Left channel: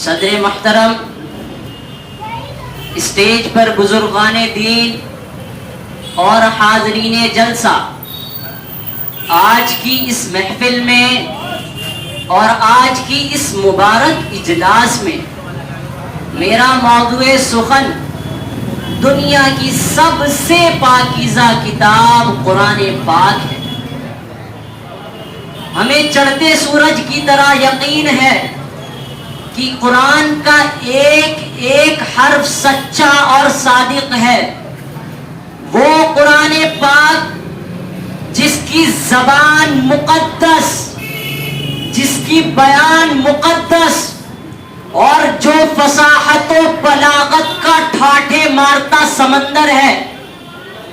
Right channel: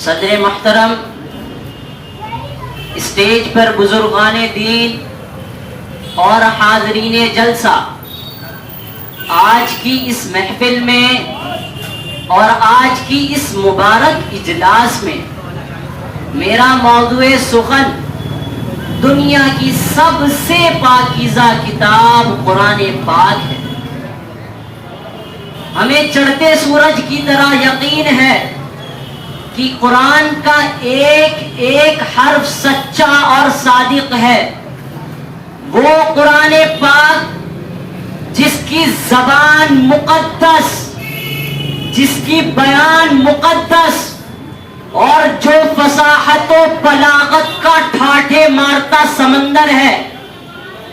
صدر محترم، اسٹیج پر بزرگان دین اور حاضرین جلسہ، آج کی اس محفل میں اور آج کی اس مبارک اجلاس میں میرا موضوع سخن دنیا کی سب سے پاکیزہ کتاب قرآن پاک ہے۔ ہمیں چڑھتے سورج کی طرح یقین ہے کہ قرآن کا ایک ایک حرف سچا اور صادق ہے۔ وہ قرآن پاک جس کی زبان مقدس، جس کی بیان مقدس اور جو فصاحت و بلاغت کا ٹھاٹھے مارتا سمندر ہے،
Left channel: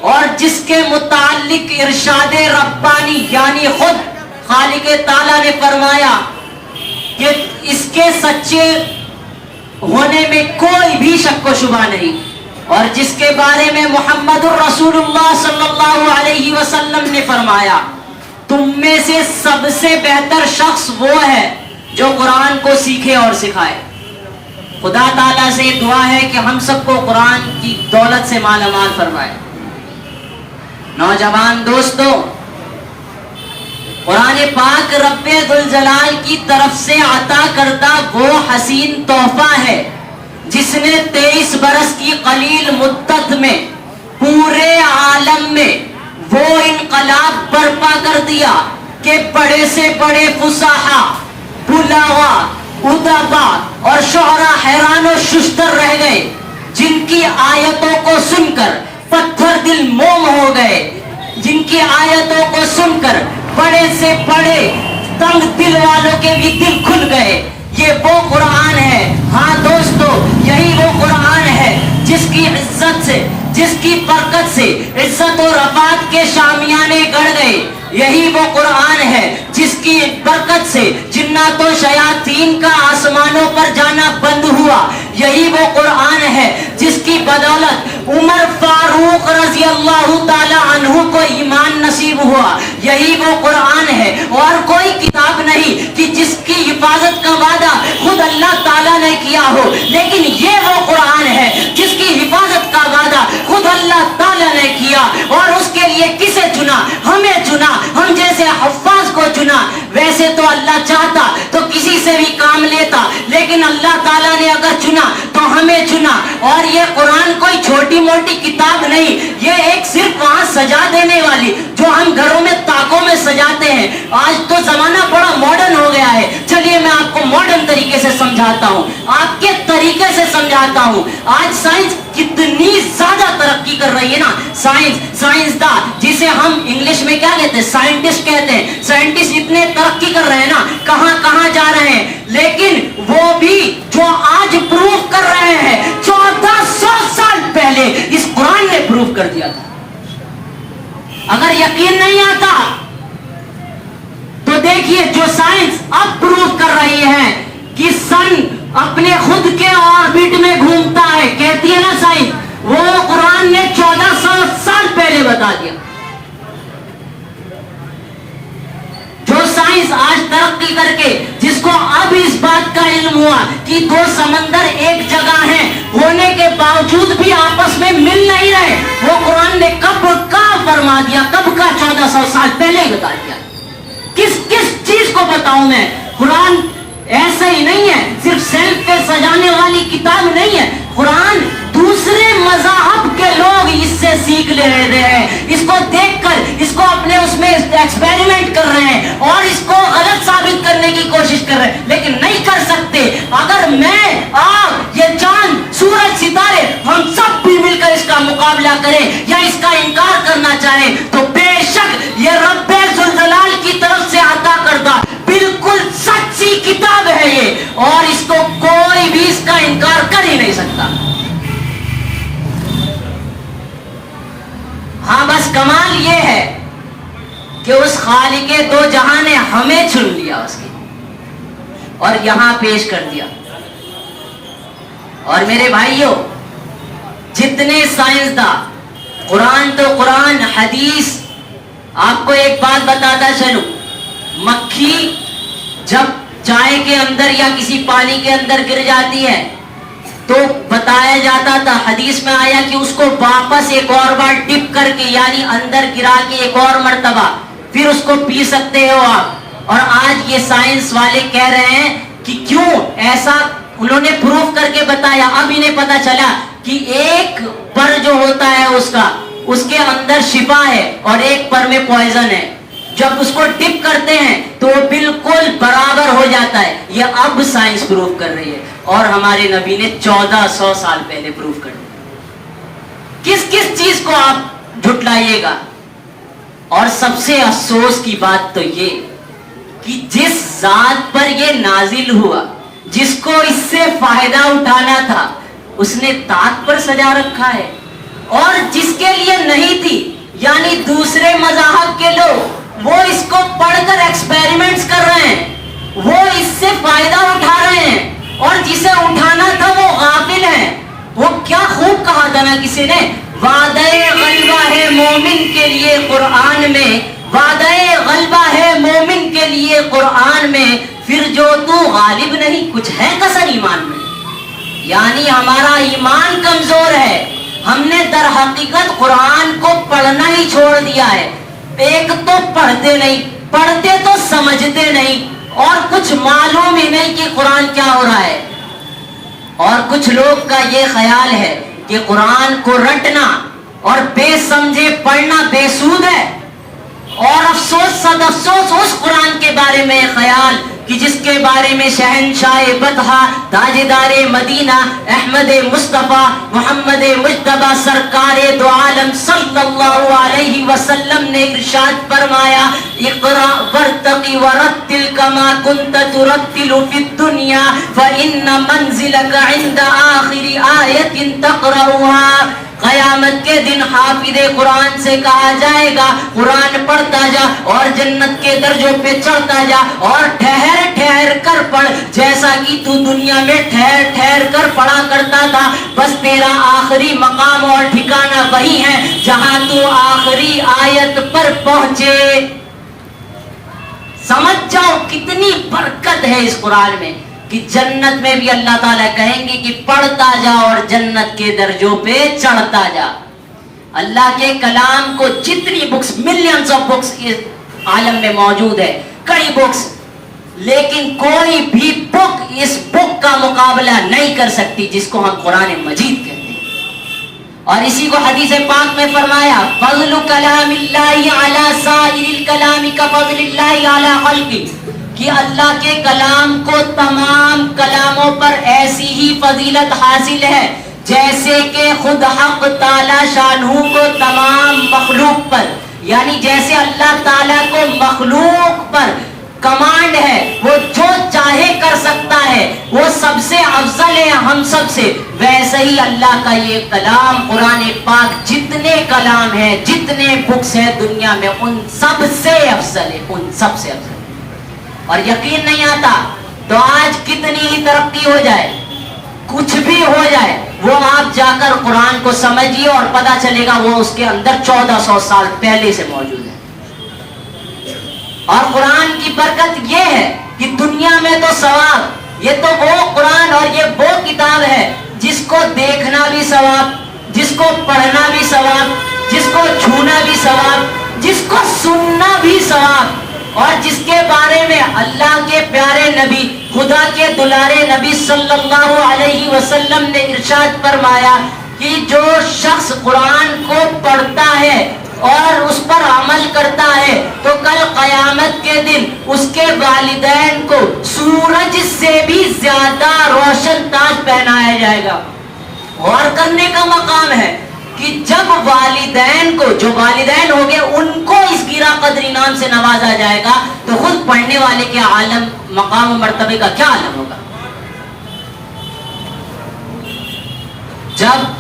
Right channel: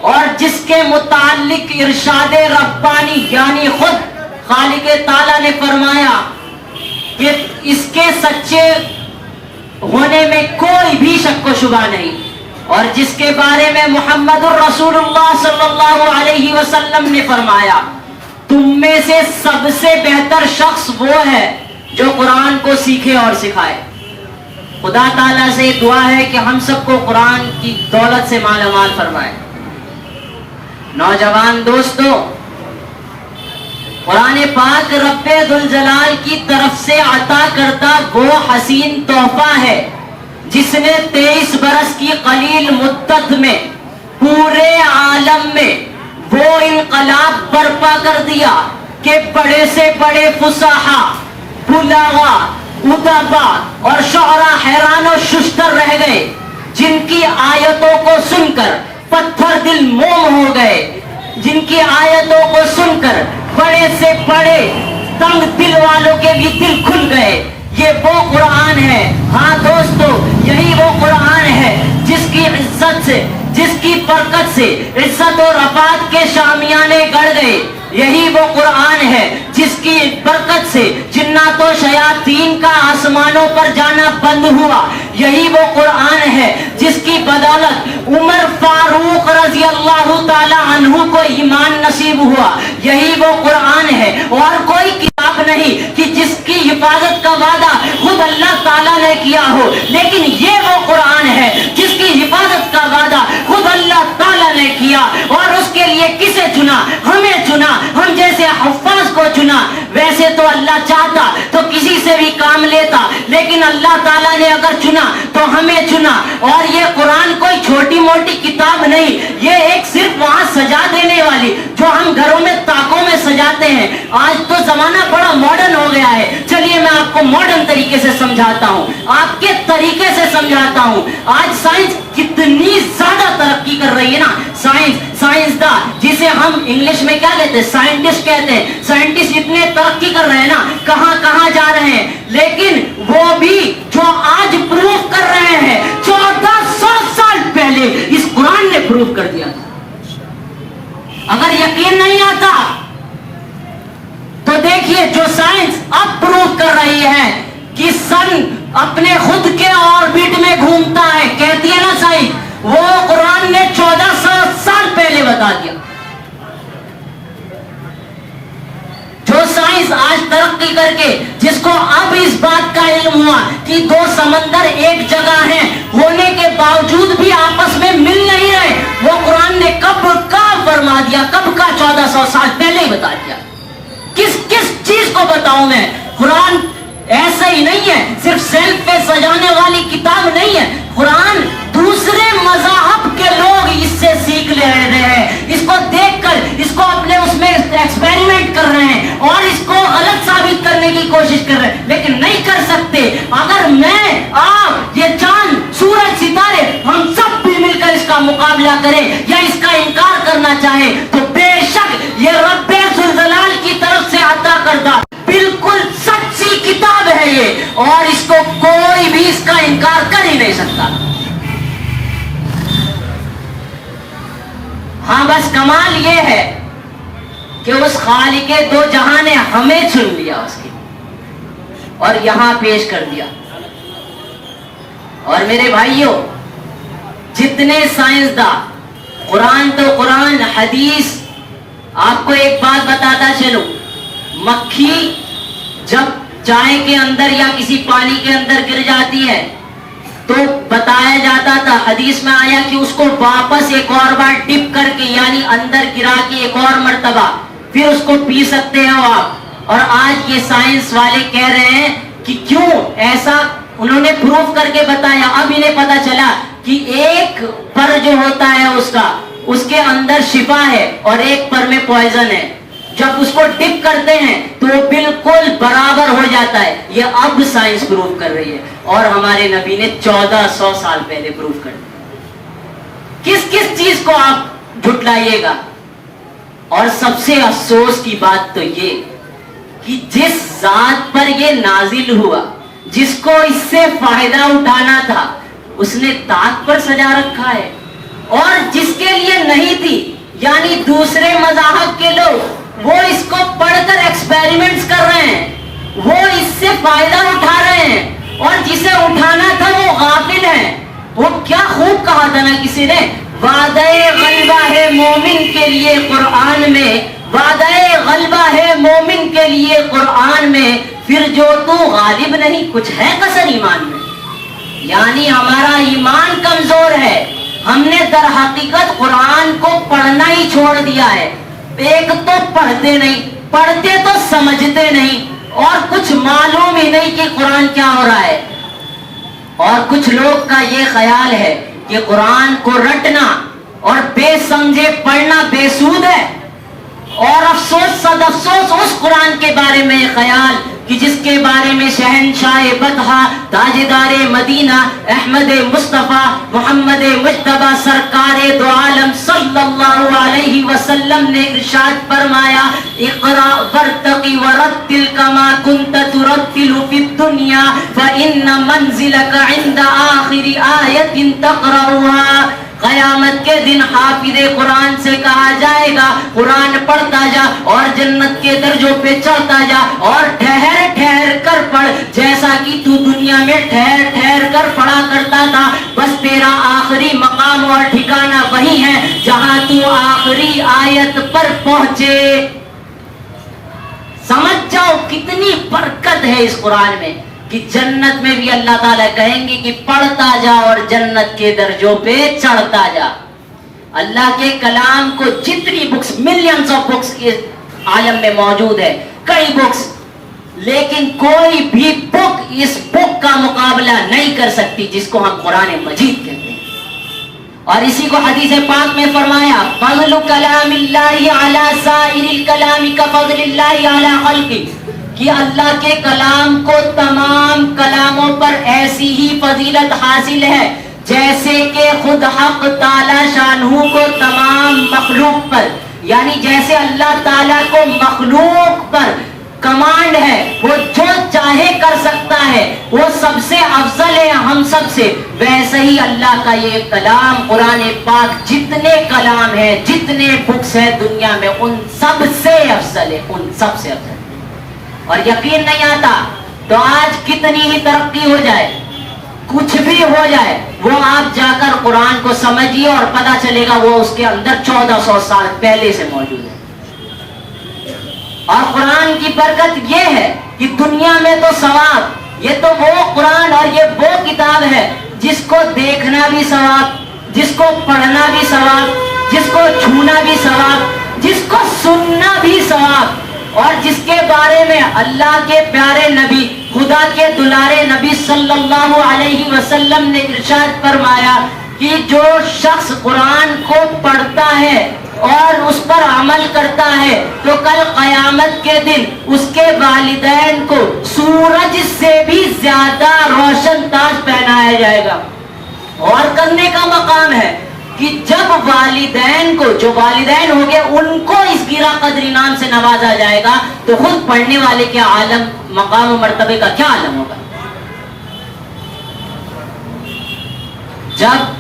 اور جس کے متعلق ارشاد ربانی یعنی خود خالق تعالیٰ نے فرمایا کہ اس کے سچے ہونے میں کوئی بھی شک و شبہ نہیں، اور جس کے بارے میں محمد الرسول اللہ صلی اللہ علیہ وسلم نے فرمایا تم میں سے سب سے بہتر شخص وہ ہے جو قرآن کو سیکھے اور سکھائے۔ خدا تعالیٰ سے دعا ہے کہ ہم سب کو قرآن کی دولت سے مالا مال فرمائے۔ نوجوان دوستو، قرآن پاک رب ذوالجلال کی طرف سے عطا کردہ وہ حسین تحفہ ہے جس نے 23 برس کی قلیل مدت میں پورے عالم میں وہ انقلاب برپا کر دیا کہ بڑے سے بڑے فصحا، بلاغا، ادبا اور شعراء حیران و ششتر رہ گئے، جن کی آیتوں کو سن کر پتھر دل موم ہو گئے، جن کی آیتوں کو سن کر بڑے سے بڑے تنگ دل والوں کے بھی دل کھل گئے۔ یہ وہ قرآن ہے، ہاں دوستو، یہی وہ قرآن ہے جس کی عزت سے، جس کی برکت سے عزت و رفعت کے شامیانے گڑ گئے۔ یہی وہ قرآن ہے جس کی برکت سے جنات و شیاطین کا آسمانوں پر جانا بند ہوا۔ یہی وہ قرآن ہے جس کی بدولت عمر فاروق رضی اللہ تعالی عنہ کو ایمان نصیب ہوا۔ یہی وہ قرآن ہے، اور کوئی کتاب نہیں کہ جس کی حفاظت کا وعدہ خود اللہ تعالیٰ نے کیا ہو، لیکن یہ وہ قرآن ہے جس کی حفاظت کا وعدہ خود اللہ تعالیٰ نے کیا، اور اس کے لیے کسے چنا؟ ہمیں چنا، ہم جیسے حفاظ کو چنا۔ ویسے تو اللہ چاہتا تو کسی سے بھی کام لیتا، لیکن اللہ تعالیٰ نے اگر چنا تو ہمیں چنا۔ اور یہ قرآن کوئی چھوٹی موٹی کتاب نہیں، یہ ایک صرف وہاں سجا دینے والی جو ہم گھروں میں تاکوں میں سجاتے ہیں۔ آج تو زمانہ بڑا ماڈرن ہو گیا ہے، چلیے میں آپ کو ماڈرن طریقے سے سمجھاتا ہوں، آپ کے طریقے سے سمجھاتا ہوں۔ آج سائنس کتنی زیادہ ترقی کر رہی ہے نا، سائنسداں جسے ہم انگلش میں کیا کہتے ہیں، سائنٹسٹ کہتے ہیں، سائنٹسٹ اتنے ترقی کر رہے ہیں نا، کہاں کہاں جا رہے ہیں، لیکن وہ بھی جو آج پروف کر رہے ہیں 1400 سال پہلے اس قرآن نے پروف کر دیا تھا۔ اگر یقین نہیں آتا تو دیکھیے جو سائنس اب پروف کر رہی ہے کہ سن اپنے خود کے آربٹ میں گھومتا ہے، کہتی ہے نا سائنس، وہ قرآن نے 1400 سال پہلے بتا دیا۔ جو سائنس آج ترقی کر کے جس کو اب اس بات کا علم ہوا کہ دو سمندر ایک جگہ ہیں ہونے کے باوجود بھی آپس میں مل نہیں رہے، وہ قرآن نے کب کا فرما دیا، کب کا 1400 سال پہلے ہی بتا دیا۔ کس چیز کو بتاؤں میں؟ قرآن ایسا ہی نہیں ہے، صرف سیلف پہ سجانے والی کتاب نہیں ہے۔ قرآن دوسرے مذاہب کے لوگ اس سے سیکھ لے رہے ہیں، اس کو دیکھ کر اس کو اپنے اس میں ایکسپیریمنٹ کر رہے ہیں اور اس کو غلط ثابت کرنے کی کوشش کر رہے ہیں، لیکن نہیں کر سکتے۔ اگر میں، آپ، یہ چاند، سورج، ستارے، ہم سب بھی مل کر اس کا مقابلہ کریں یا اس کا انکار کرنا چاہیں تو بے شک یہ رب ذوالجلال کی طرف سے عطا کردہ بالکل سچی کتاب ہے یہ، اور اس کو کوئی بھی اس کا انکار کر ہی نہیں سکتا۔ ہاں بس کمال یہ ہے کہ اس خالق دو جہاں نے ہمیں چن لیا اس کی اور یہاں پیش کر دیا۔ اور میرے بھائیوں، جتنے سائنسداں، قرآن تو قرآن، حدیث، آپ کو ایک بات بتاتا چلوں، مکھی جب چائے کے اندر یا کسی پانی کے اندر گر جاتی ہے تو بتایا جاتا تھا، حدیث میں آیا کہ اس کو واپس ایک اور بار ڈپ کر کے یعنی اندر گرا کے ایک اور مرتبہ پھر اس کو پی سکتے ہو آپ. اور آج یہ سائنس والے کہہ رہے ہیں کہ کیوں ایسا، انہوں نے پروف کر کے بتایا. اب انہیں پتا چلا کہ ایک پر جو ہوتا ہے اس کے اندر شفا ہے اور ایک پر میں پوائزن ہے. جب اس کو ڈپ کرتے ہیں تو وہ بالکل برابر ہو جاتا ہے. یہ اب سائنس پروف کر رہی ہے اور ہمارے نبی نے 1400 سال پہلے پروف کر دیا. کس چیز کو آپ جھٹلائیے گا؟ اور سب سے افسوس کی بات تو یہ کہ جس ذات پر یہ نازل ہوا، جس کو اس سے فائدہ اٹھانا تھا، اس نے طاق پر سجا رکھا ہے. اور جس کے لیے نہیں تھی یعنی دوسرے مذاہب کے لوگ، وہ اس کو پڑھ کر ایکسپیریمنٹس کر رہے ہیں، وہ اس سے فائدہ اٹھا رہے ہیں. اور جسے اٹھانا تھا وہ غافل ہیں. وہ کیا خوب کہا تھا نا کسی نے، وعدہ غلبہ ہے مومن کے لیے قرآن میں، وعدہ غلبہ ہے مومن کے لیے قرآن میں، پھر جو تو غالب نہیں. کچھ ہے کسر ایمان میں، یعنی ہمارا ایمان کمزور ہے. ہم نے در حقیقت قرآن کو پڑھنا ہی چھوڑ دیا ہے. ایک تو پڑھتے نہیں، پڑھتے تو سمجھتے نہیں، اور کچھ معلوم ہی نہیں کہ قرآن کیا ہو رہا ہے. اور کچھ لوگ کا یہ خیال ہے کہ قرآن کو رٹنا اور بے سمجھے پڑھنا بے سود ہے. اور افسوس صد افسوس اس قرآن کے بارے میں خیال کہ جس کے بارے میں شہنشاہ بدحا تاجدار مدینہ احمد مصطفیٰ محمد مجتبی سرکار دو عالم صلی اللہ علیہ وسلم نے ارشاد فرمایا، اقرا ورتقی ورتل کما کنت ترتل فی الدنیا فإن منزلک عند آخر آیت تقرأها. قیامت کے دن حافظ قرآن سے کہا جائے گا قرآن پڑھتا جا اور جنت کے درجوں پہ چڑھتا جا، اور ٹھہر ٹھہر کر پڑھ جیسا کہ تو دنیا میں ٹھہر ٹھہر کر پڑھا کرتا تھا. بس تیرا آخری مقام اور ٹھکانہ وہی ہے جہاں تو آخری آیت پر پہنچے. سمجھ جاؤ کتنی برکت ہے اس قرآن میں کہ جنت میں بھی اللہ تعالیٰ کہیں گے کہ پڑھتا جا اور جنت کے درجوں پہ چڑھتا جا. اللہ کے کلام کو جتنی بکس، ملینز آف بکس اس عالم میں موجود ہے، کئی بکس، لیکن کوئی بھی بک اس بک کا مقابلہ نہیں کر سکتی جس کو ہم قرآن مجید کہتے ہیں. اور اسی کو حدیث پاک میں فرمایا، فضل کلام اللہ علی سائر الکلام کفضل اللہ علی خلقہ، کہ اللہ کے کلام کو تمام کلاموں پر ایسی ہی فضیلت حاصل ہے جیسے کہ خود حق تعالی شانہ کو تمام مخلوق پر، یعنی جیسے اللہ تعالیٰ کو مخلوق پر کمانڈ ہے، وہ جو چاہے کر سکتا ہے، وہ سب سے افضل ہے ہم سب سے، ویسے ہی اللہ کا یہ کلام قرآن پاک جتنے کلام ہیں، جتنے بکس ہیں دنیا میں، ان سب سے افضل ہے، ان سب سے افضل. اور یقین نہیں آتا تو آج کتنی ہی ترقی ہو جائے، کچھ بھی ہو جائے، وہ آپ جا کر قرآن کو سمجھیے اور پتا چلے گا وہ اس کے اندر 1400 سال پہلے سے موجود ہے. اور قرآن کی برکت یہ ہے کہ دنیا میں تو ثواب، یہ تو وہ قرآن اور یہ وہ کتاب ہے جس کو دیکھنا بھی ثواب، جس کو پڑھنا بھی ثواب، جس کو چھونا بھی ثواب، جس کو سننا بھی ثواب، اور جس کے بارے میں اللہ کے پیارے نبی، خدا کے دلارے نبی صلی اللہ علیہ وسلم نے ارشاد فرمایا کہ جو شخص قرآن کو پڑھتا ہے اور اس پر عمل کرتا ہے تو کل قیامت کے دن اس کے والدین کو سورج سے بھی زیادہ روشن تاج پہنایا جائے گا. غور کرنے کا مقام ہے کہ جب والدین کو، جو والدین ہو گئے، ان کو اس گرا قدر انعام سے نوازا جائے گا تو خود پڑھنے والے کے عالم، مقام و مرتبے کا کیا عالم ہوگا. جب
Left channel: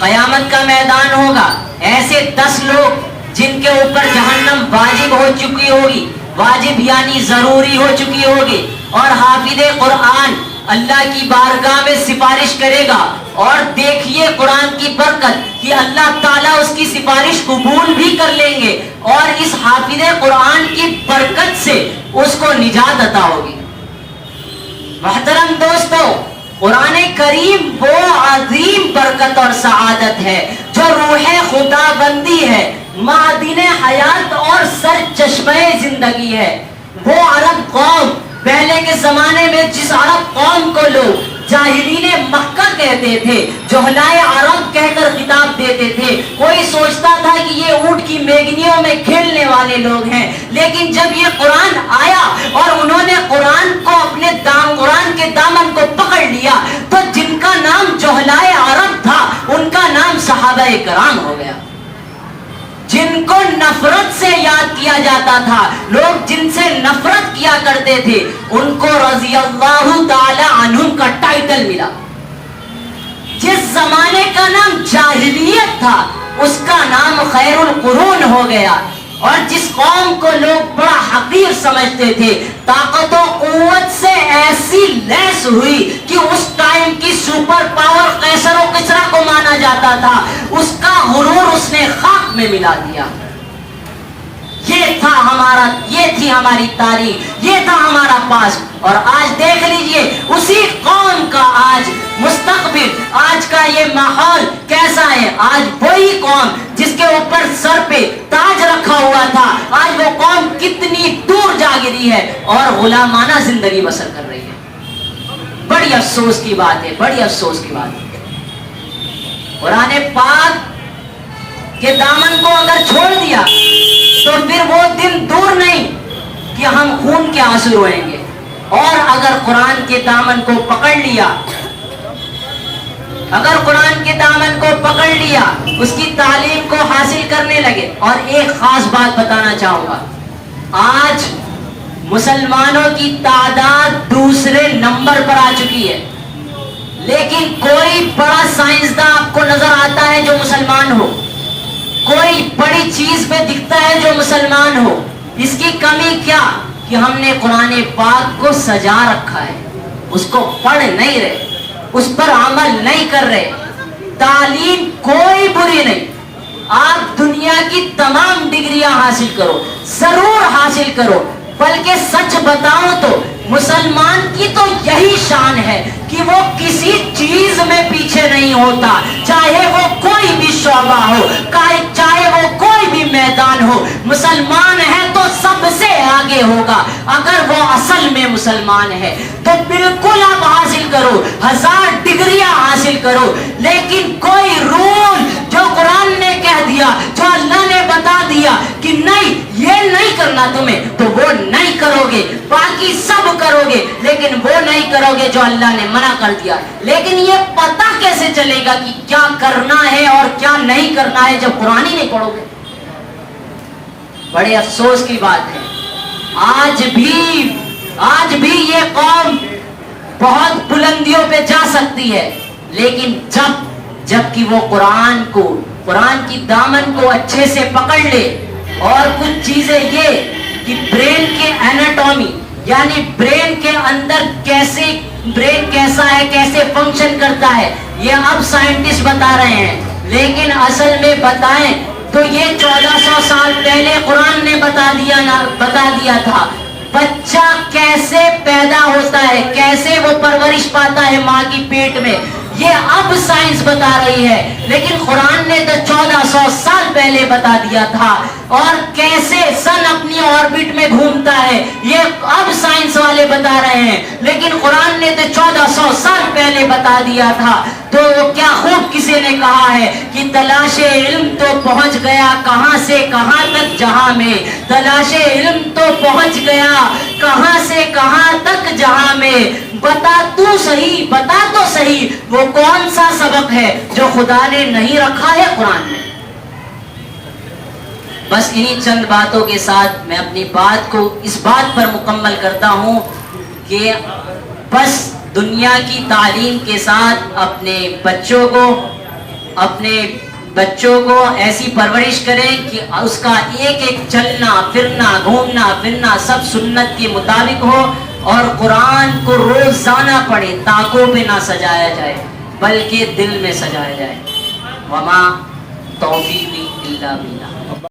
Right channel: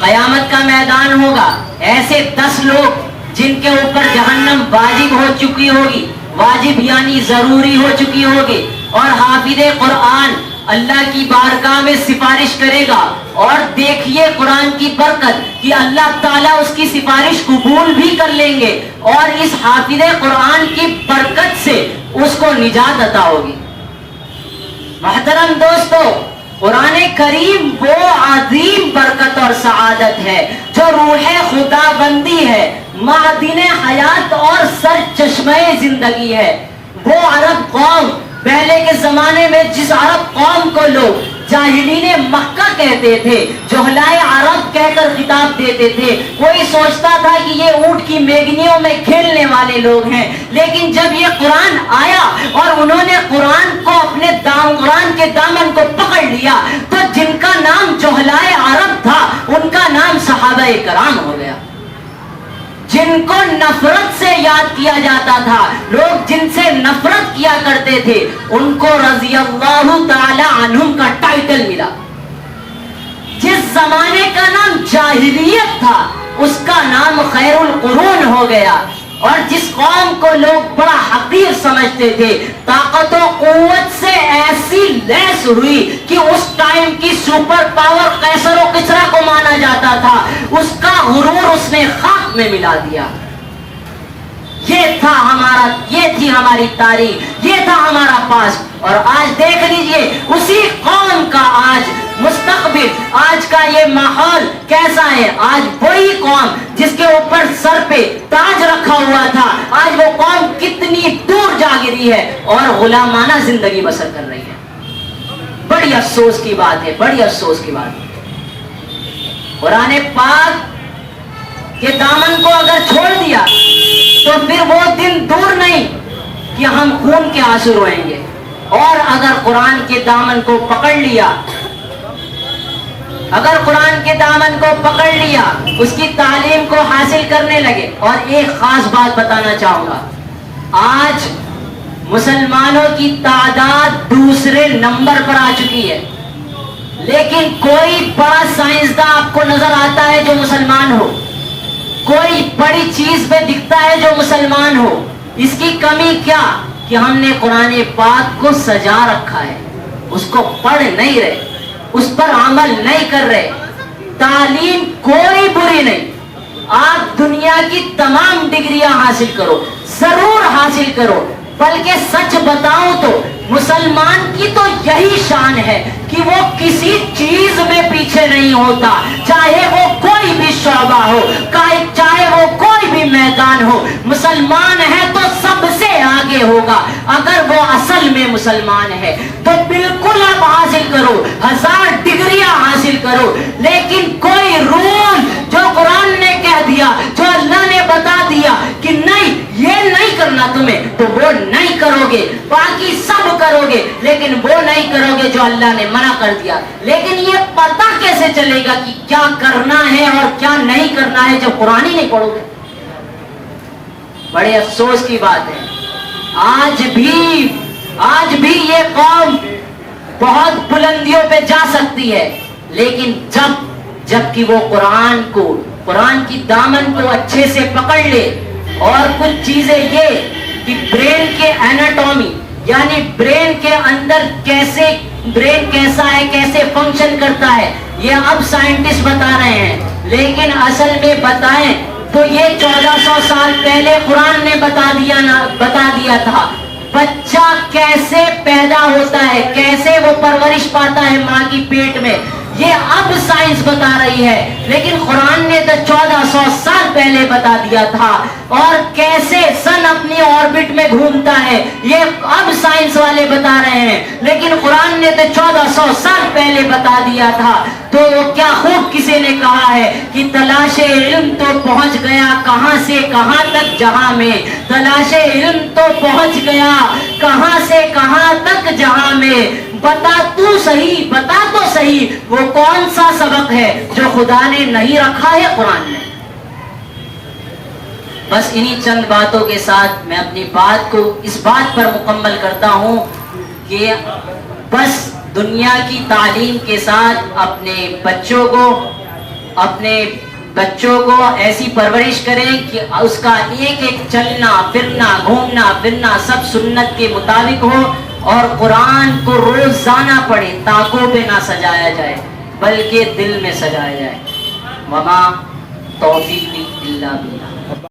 قیامت کا میدان ہوگا، ایسے 10 لوگ جن کے اوپر جہنم واجب ہو چکی ہوگی، واجب یعنی ضروری ہو چکی ہوگی، اور حافظ قرآن اللہ کی بارگاہ میں سفارش کرے گا. اور دیکھیے قرآن کی برکت کہ اللہ تعالیٰ اس کی سفارش قبول بھی کر لیں گے، اور اس حافظ قرآن کی برکت سے اس کو نجات عطا ہوگی. محترم دوستو، قرآن کریم وہ عظیم برکت اور سعادت ہے جو روح خدا بندی ہے، معدن حیات اور سر چشمہ زندگی ہے۔ وہ عرب قوم، پہلے کے زمانے میں جس عرب قوم کو لوگ جاہلین مکہ کہتے تھے، جہلائے عرب کہہ کر خطاب دیتے تھے، کوئی سوچتا تھا کہ یہ اونٹ کی میگنیوں میں کھیلنے والے لوگ ہیں، لیکن جب یہ قرآن آیا اور انہوں نے قرآن کے دامن کو پکڑ لیا تو جن کا نام جہلائے عرب تھا ان کا نام صحابہ کرام ہو گیا۔ جن کو نفرت سے یاد کیا جاتا تھا، لوگ جن سے نفرت کیا کرتے تھے، ان کو رضی اللہ تعالی عنہم کا ٹائٹل ملا۔ جس زمانے کا نام جاہلیت تھا اس کا نام خیر القرون ہو گیا، اور جس قوم کو لوگ بڑا حقیر سمجھتے تھے، طاقت و قوت سے ایسی لیس ہوئی کہ اس ٹائم کی سپر پاور قیصر و کسریٰ کو مانا جاتا تھا، اس کا غرور اس نے خاک میں ملا دیا۔ یہ تھی ہماری تاریخ، یہ تھا ہمارا پاس، اور آج دیکھ لیجئے اسی قوم کا آج مستقبل، آج کا یہ ماحول کیسا ہے۔ آج وہی قوم جس کے اوپر سر پہ تاج رکھا ہوا تھا، آج وہ قوم کتنی دور جا گری ہے اور غلامانہ زندگی بسر کر رہی ہے۔ بڑی افسوس کی بات ہے، بڑی افسوس کی بات ہے۔ قرآن پاک کے دامن کو اگر چھوڑ دیا تو پھر وہ دن دور نہیں کہ ہم خون کے آنسو روئیں گے، اور اگر قرآن کے دامن کو پکڑ لیا، اگر قرآن کے دامن کو پکڑ لیا، اس کی تعلیم کو حاصل کرنے لگے۔ اور ایک خاص بات بتانا چاہوں گا، آج مسلمانوں کی تعداد دوسرے نمبر پر آ چکی ہے، لیکن کوئی بڑا سائنسداں آپ کو نظر آتا ہے جو مسلمان ہو، کوئی بڑی چیز پہ دکھتا ہے جو مسلمان ہو۔ اس کی کمی کیا؟ کہ ہم نے قرآن پاک کو سجا رکھا ہے، اس کو پڑھ نہیں رہے، اس پر عمل نہیں کر رہے۔ تعلیم کوئی بری نہیں، آپ دنیا کی تمام ڈگریاں حاصل کرو، ضرور حاصل کرو، بلکہ سچ بتاؤں تو مسلمان کی تو یہی شان ہے کہ وہ کسی چیز میں پیچھے نہیں ہوتا، چاہے وہ کوئی بھی شعبہ ہو، چاہے وہ کوئی بھی میدان ہو، مسلمان ہے تو سب سے آگے ہوگا۔ اگر وہ اصل میں مسلمان ہے تو بالکل آپ حاصل کرو، 1000 ڈگریاں حاصل کرو، لیکن کوئی رول جو قرآن نے کہہ دیا، جو اللہ نے بتا دیا کہ نہیں یہ نہیں کرنا تمہیں، تو وہ نہیں کرو گے، باقی سب کرو گے، لیکن وہ نہیں کرو گے جو اللہ نے منع کر دیا۔ لیکن یہ پتہ کیسے چلے گا کہ کیا کرنا ہے اور کیا نہیں کرنا ہے جب قرآن ہی نہیں پڑھو گے؟ بڑے افسوس کی بات ہے، آج بھی یہ قوم بہت بلندیوں پہ جا سکتی ہے، لیکن جب کہ وہ قرآن کی دامن کو اچھے سے پکڑ لے، اور کچھ چیزیں یہ کہ برین کے ایناٹومی، یعنی برین کے اندر برین کیسا ہے، کیسے فنکشن کرتا ہے، یہ اب سائنٹسٹ بتا رہے ہیں، لیکن اصل میں بتائیں تو یہ 1400 سال پہلے قرآن نے بتا دیا تھا۔ بچہ کیسے پیدا ہوتا ہے، کیسے وہ پرورش پاتا ہے ماں کی پیٹ میں، یہ اب سائنس بتا رہی ہے، لیکن قرآن نے تو 1400 سال پہلے بتا دیا تھا۔ اور کیسے سن اپنی آربٹ میں گھومتا ہے، یہ اب سائنس والے بتا رہے ہیں، لیکن قرآن نے تو 1400 سال پہلے بتا دیا تھا۔ تو کیا خوب کسی نے کہا ہے کہ تلاش علم تو پہنچ گیا کہاں سے کہاں تک جہاں میں، تلاش علم تو پہنچ گیا کہاں سے کہاں تک جہاں میں، بتا تو صحیح وہ کون سا سبق ہے جو خدا نے نہیں رکھا ہے قرآن میں۔ بس انہی چند باتوں کے ساتھ میں اپنی بات کو اس بات پر مکمل کرتا ہوں کہ بس دنیا کی تعلیم کے ساتھ اپنے بچوں کو ایسی پرورش کریں کہ اس کا ایک چلنا پھرنا گھومنا پھرنا سب سنت کے مطابق ہو، اور قرآن کو روزانہ پڑھے، تاکوں پہ نہ سجایا جائے بلکہ دل میں سجایا جائے۔ وما توفیقی الا باللہ۔